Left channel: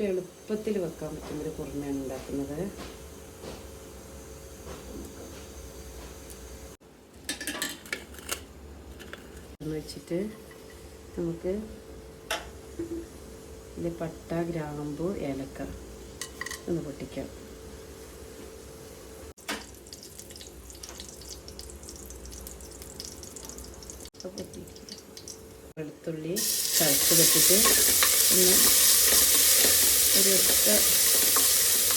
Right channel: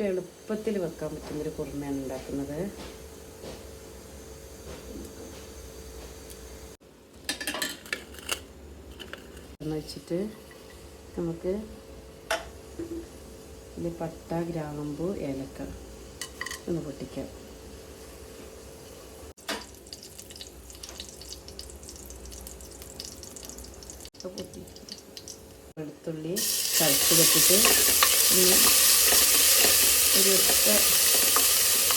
ഏറ്റവും എളുപ്പത്തിൽ വെക്കാൻ പറ്റുന്നൊരു കുറുമയാണ് ഉണ്ടാക്കുന്നത്. വെച്ചിട്ട് നമുക്ക് ഇതിൽ പട്ട ഗ്രാമ്പു ഏലക്ക ഒന്ന് പൊട്ടിക്കാം. വെളുത്തുള്ളി ചതച്ച് വെച്ചിട്ട് ഒന്ന് ഒരു ഒറ്റ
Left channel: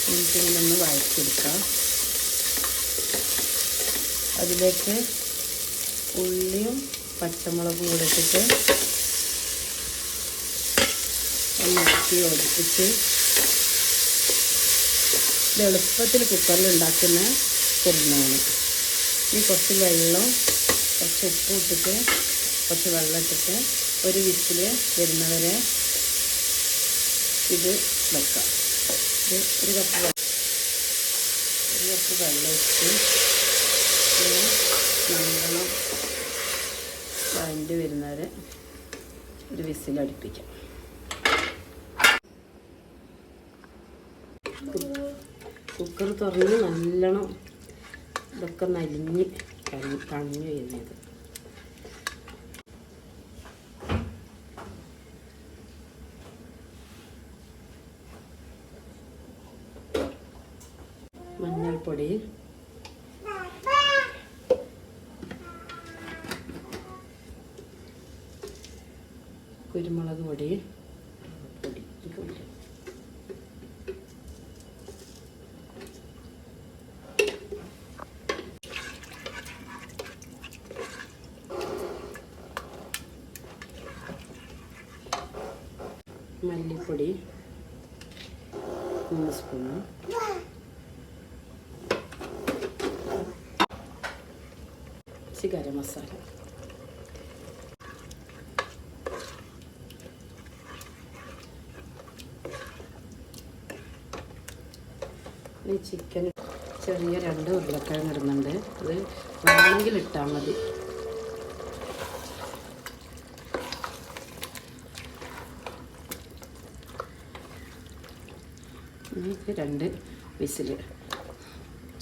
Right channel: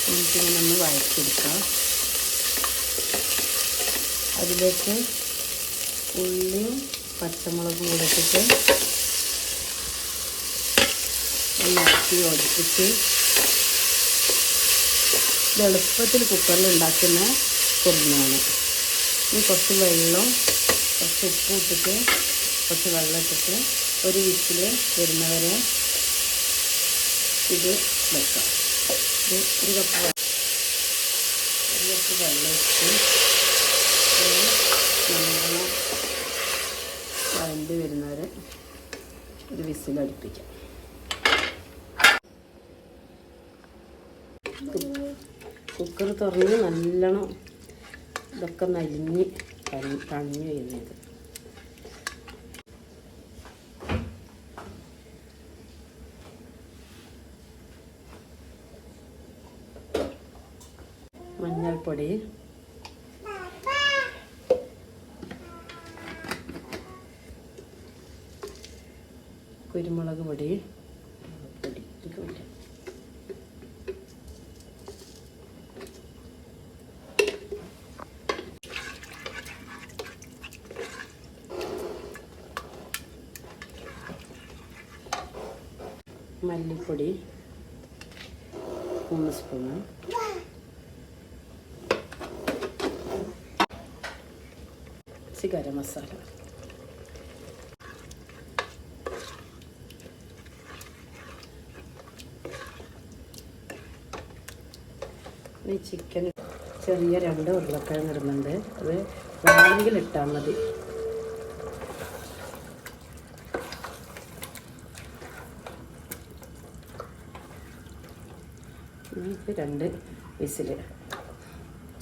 മിനിറ്റ് നമ്മൾ വഴറ്റിയെടുക്കാം. അതിലേക്ക് ഉള്ളിയും പച്ചമുളകും കൂടെ ഇട്ടിട്ട് ഒന്ന് ഇറക്കി ഒടിപ്പിച്ച് എളുപ്പത്തിൽ കുക്കറിൽ ഉണ്ടാക്കുന്ന കുറുമയാണ് ഇനി കുറച്ച് വെള്ളം കുറച്ച് ഉപ്പ് ഇട്ടിട്ട് കുറച്ച് വെള്ളം ഇട്ടിട്ട് ഒരു വിസിൽ വരുന്നവരെ ഇത് വെക്കാം. ഒരു കപ്പ് ഒരു കപ്പ് വെള്ളം ഇട്ട് നല്ലോണം വഴണ്ടി വരുന്നവരെ ഒരു വിസിൽ അടുപ്പിക്കാം. കുക്കർ തുറന്ന് നല്ലോണം ഇതൊക്കെ നലിഞ്ഞ് തണി തണിഞ്ഞ് വരുന്നത്. മഞ്ഞൾപ്പൊടി. കുരുമുളക് പൊടി. പൊടി. മല്ലിപ്പൊടി. മൂന്ന് സ്പൂണ്. ഇച്ചിരി ഗരം മസാല. ഇനി ചിക്കൻ ചെറിയ രണ്ട് ഉരുളക്കിഴങ്ങ് ഇടുന്നുണ്ട്. അത് വേണമെങ്കിൽ ഇട്ടാൽ മതി. ഇത് രണ്ട് വിസിൽ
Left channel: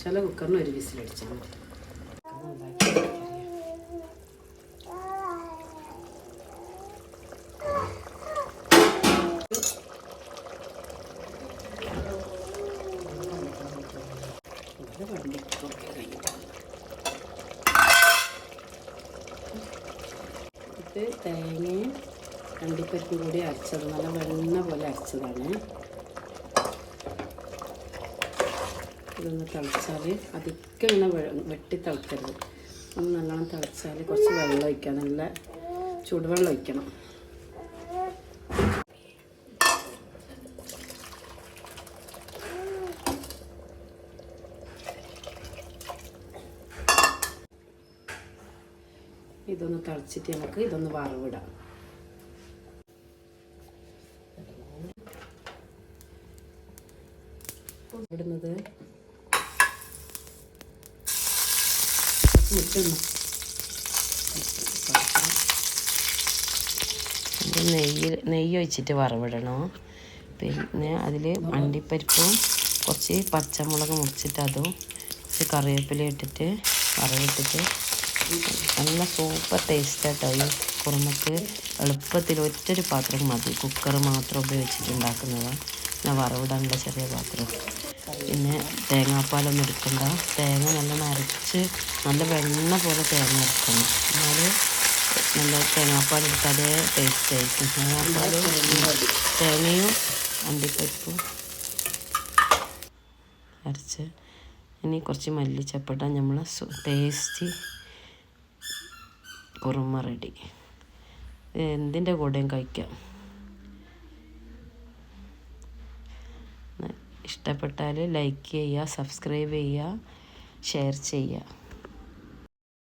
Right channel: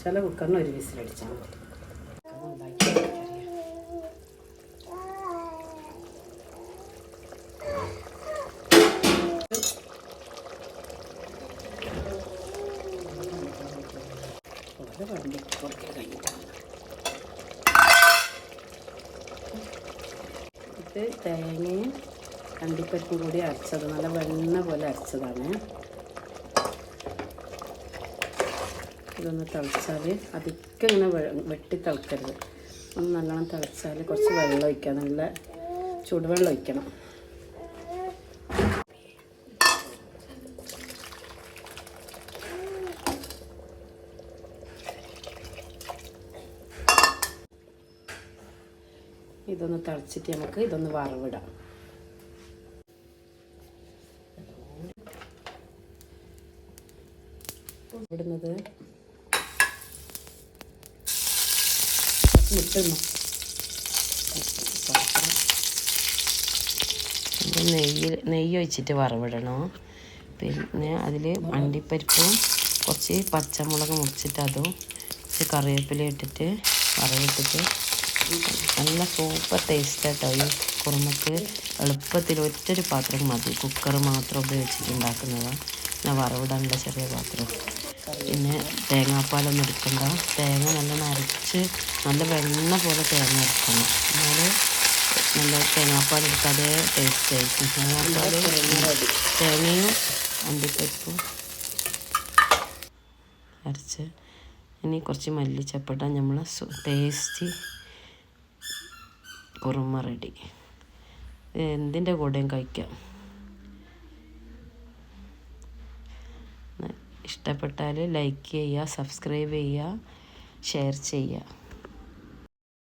ചില കുക്കറിന് ഒരു വിസിൽ അടിച്ചാൽ മതി. ഇത് തേങ്ങയും അണ്ടിപ്പരിപ്പും കൂടി അരച്ചത്. നല്ല വെണ്ണ പോലെ അരച്ചതാണ്. ഇതൊന്ന് തിളച്ചാൽ അധികം ഇങ്ങനെ വെട്ടി തിളക്കരുത്. ഒന്ന് നല്ലോണം തിളച്ചാൽ കുറച്ച് വെള്ളം ഒഴിക്കാം നല്ല ചൂടുവെള്ളം ഒഴിക്കണം. ഇതൊന്ന് തിളച്ചിട്ട് നമുക്ക് ഇതൊന്ന് വറവിടാം. ഇടുന്നത് നെയ്യ് നെയ്യ് ഒഴിച്ചിട്ട് വറവിടണോ. പിന്നെ അതിൽ അണ്ടിപ്പരിപ്പും കുറച്ച് പച്ചമുളക് മുറിച്ചിട്ട് അതും കുറച്ച് കറിവേപ്പില ഇട്ടിട്ട് വറവിട്ടിട്ട് നല്ല സൂപ്പർ ടേസ്റ്റ് ആട്ടോ ഈ കുറുമക്ക്. എളുപ്പത്തിൽ ഒറ്റൊരു പാത്രം മതി. കുക്കർ മാത്രം ഉപയോഗിച്ചിട്ട് ഉണ്ടാക്കുന്നതാണ് പിന്നെ വറവിടാനുള്ള ചെറിയ പാത്രം. പിന്നെ തേങ്ങാപ്പാലൊന്നും എടുക്കണ്ട. തേങ്ങ നല്ല അരച്ച് നല്ല വെണ്ണ പോലെ തേങ്ങ എടുക്കണം എന്നാൽ നല്ല തേങ്ങാപ്പാൽ അതേ ടേസ്റ്റ് ആയിരിക്കും. തേങ്ങാപ്പാലും തേങ്ങയും അണ്ടിപ്പരിപ്പും അരച്ച്. ഇനി കുറച്ച് മല്ലിച്ചപ്പട്ട നമ്മൾ ടേസ്റ്റി കുറുമ റെഡി. എന്തിന്റെ കൂടെയും കഴിക്കാം. ഇഷ്ടപ്പെട്ടാൽ ലൈക്ക് ചെയ്യുക സബ്സ്ക്രൈബ് ചെയ്യുക ഷെയർ ചെയ്യുക.